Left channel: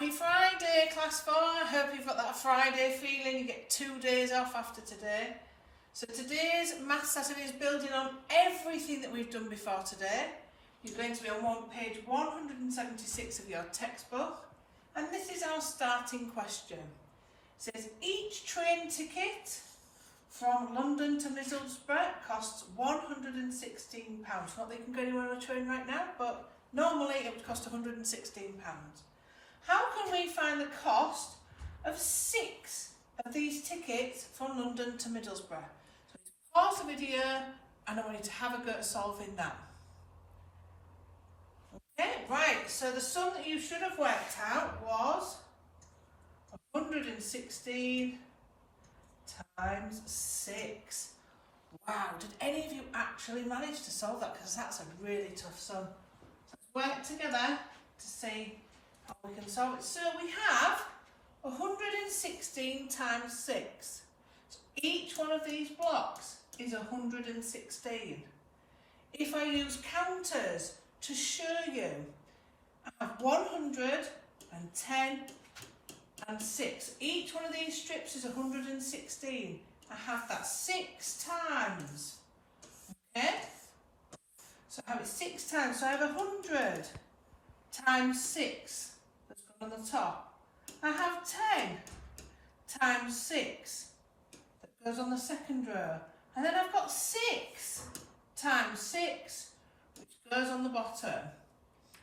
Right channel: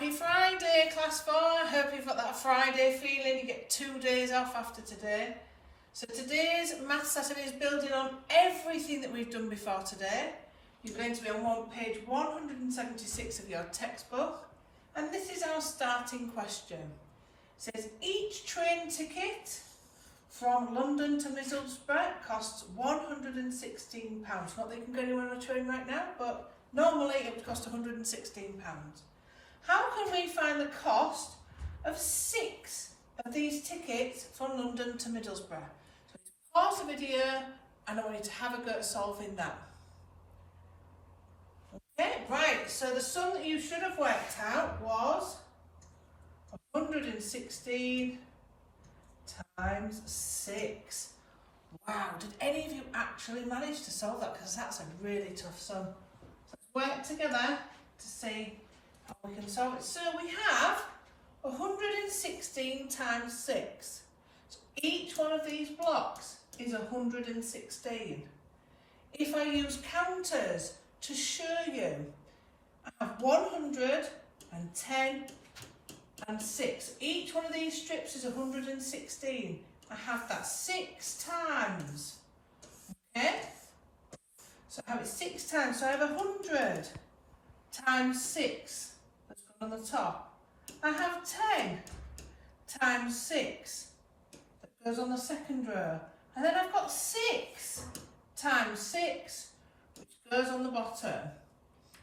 Happy Friday, Class 4. Hope you've got that Friday feeling. You get 2 days off after today. So today's maths lesson is building on everything that we've done before today. You're going to be on page 176 of your textbook. And this is our starting question. It says, each train ticket from London to Middlesbrough costs £116. Not that you can go anywhere on a train right now, but normally it would cost £116. How can we find the cost of 6 of these tickets from London to Middlesbrough? So pause the video and I want you to have a go at solving that. Okay, right, so the sum that you should have worked out was 116 times 6. Wow, did any of you actually manage to solve that? Because that's a really tough sum. Let's work together to see how we can solve it. So we have 116 times 6. So each one of these blocks is 116. If I use counters to show you, I have 110 and 6. Each one of these strips is 116. I have that 6 times. Okay? So I have it 6 times. So I have 100 times 6 that's gone on the top. I have 10 times 6 that goes on the second row. And then I've got 6 times 6 which goes on the bottom.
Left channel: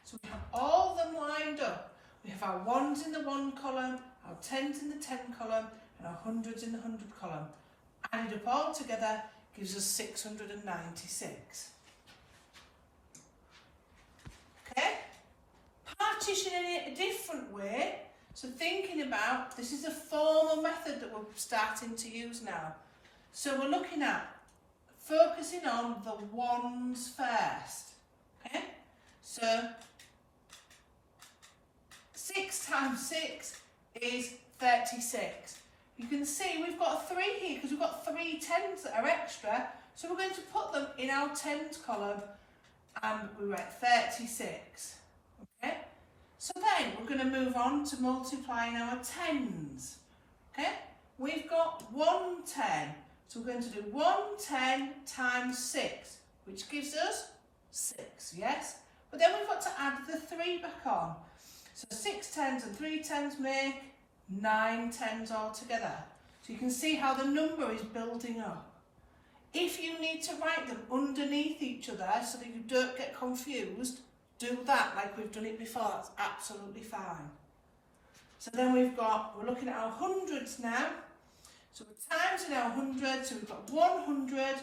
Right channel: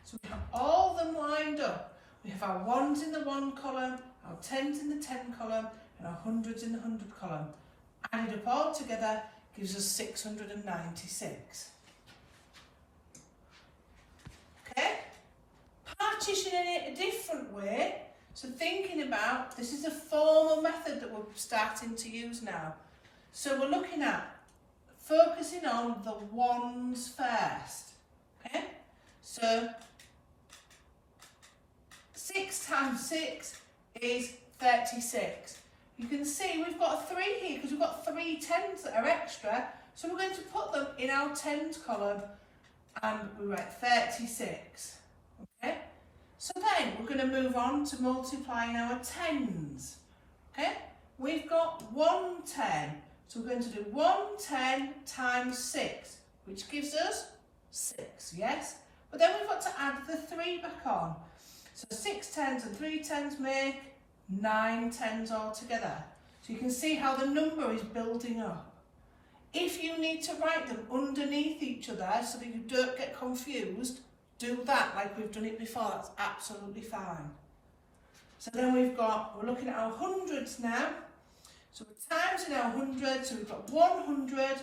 So we have all of them lined up. We have our 1s in the 1 column, our 10s in the 10 column, and our 100s in the 100 column. Added up all together gives us 696. Okay? Partitioning it a different way. So thinking about, this is a formal method that we're starting to use now. So we're looking at focusing on the 1s first. Okay? So 6 times 6 is 36. You can see we've got a 3 here because we've got 3 10s that are extra. So we're going to put them in our 10s column and we write 36. Okay? So then we're going to move on to multiplying our 10s. Okay? We've got 110. So we're going to do 110 times 6, which gives us 6, yes? But then we've got to add the 3 back on. So 6 10s and 3 10s make 9 10s altogether. So you can see how the number is building up. If you need to write them underneath each other so that you don't get confused, do that like we've done it before. That's absolutely fine. So then we're looking at our hundreds now. So we're timesing our 100, so we've got 100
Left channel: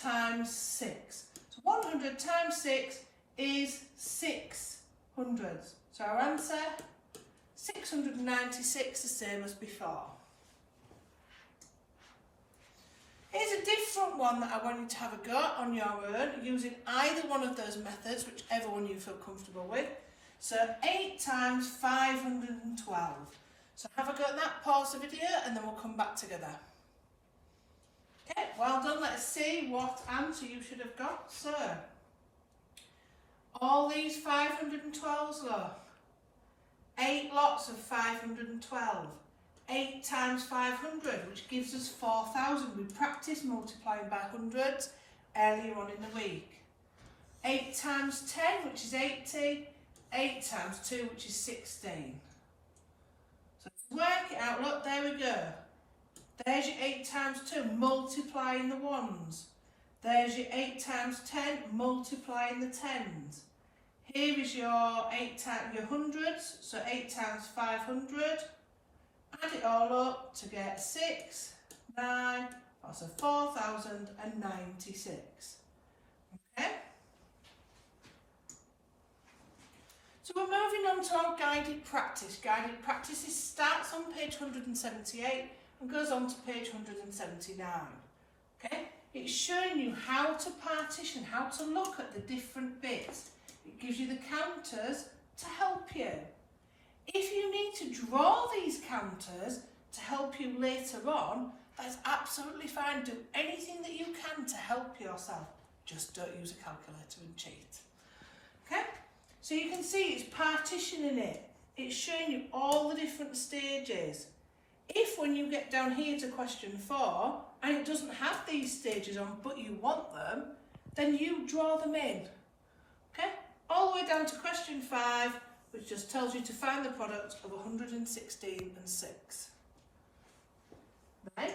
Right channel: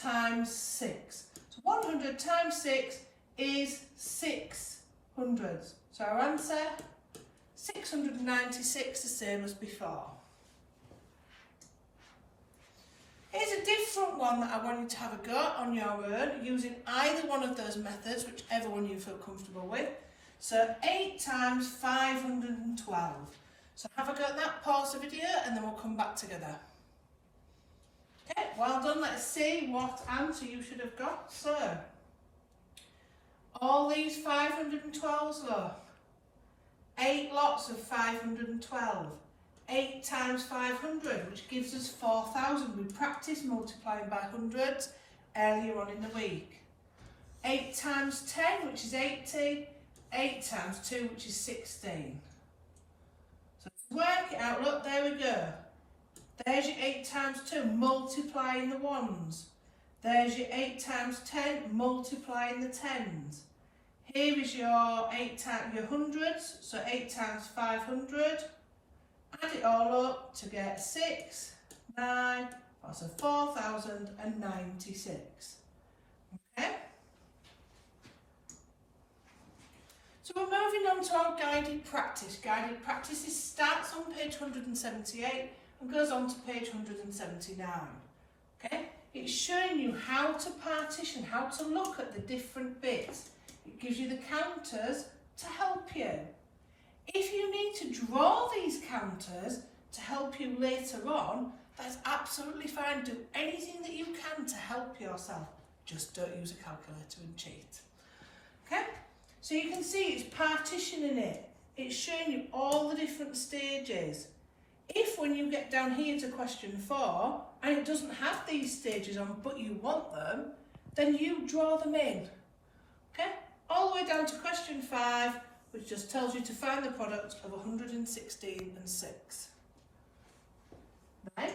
times 6. So 100 times 6 is 600. So our answer, 696, the same as before. Here's a different one that I want you to have a go on your own, using either one of those methods, whichever one you feel comfortable with. So 8 times 512. So have a go at that, pause the video, and then we'll come back together. Okay, well done. Let's see what answer you should have got. So, all these 512s, look. 8 lots of 512. 8 times 500, which gives us 4,000. We practiced multiplying by hundreds earlier on in the week. 8 times 10, which is 80. 8 times 2, which is 16. So to work it out, look, there we go. There's your 8 times 2, multiplying the 1s. There's your 8 times 10, multiplying the 10s. Here is your 8 times your hundreds, so 8 times 500. Add it all up to get 6, 9, that's a 4,096. Okay? So we're moving on to our guided practice. Guided practice starts on page 178 and goes on to page 179. Okay? It's showing you how to partition, how to look at the different bits. It gives you the counters to help you. If you need to draw these counters to help you later on, that's absolutely fine. Do anything that you can to help yourself. Just don't use a calculator and cheat. Okay? So you can see it's partitioning it it's showing you all the different stages. If when you get down here to question 4 and it doesn't have these stages on but you want them, then you draw them in. Okay? All the way down to question 5, which just tells you to find the product of 116 and 6. Then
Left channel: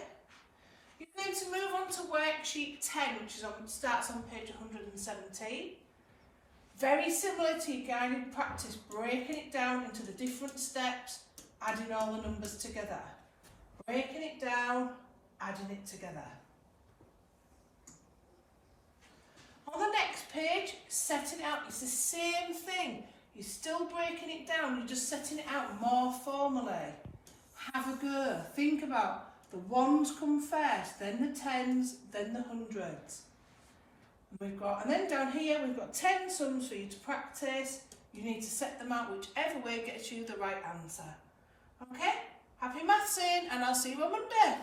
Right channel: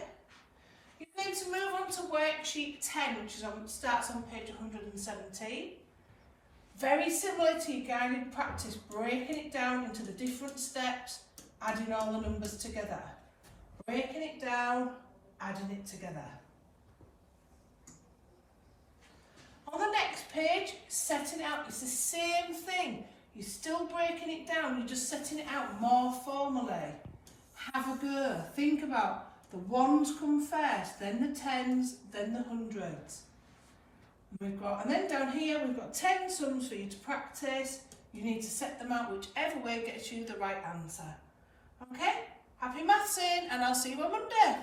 you need to move on to worksheet 10, which starts on page 117. Very similar to your guided practice, breaking it down into the different steps, adding all the numbers together. Breaking it down, adding it together. On the next page, setting it out, it's the same thing. You're still breaking it down, you're just setting it out more formally. Have a go, think about the ones come first, then the tens, then the hundreds. And then down here we've got 10 sums for you to practice. You need to set them out whichever way gets you the right answer. Okay? Happy mathsing, and I'll see you on Monday.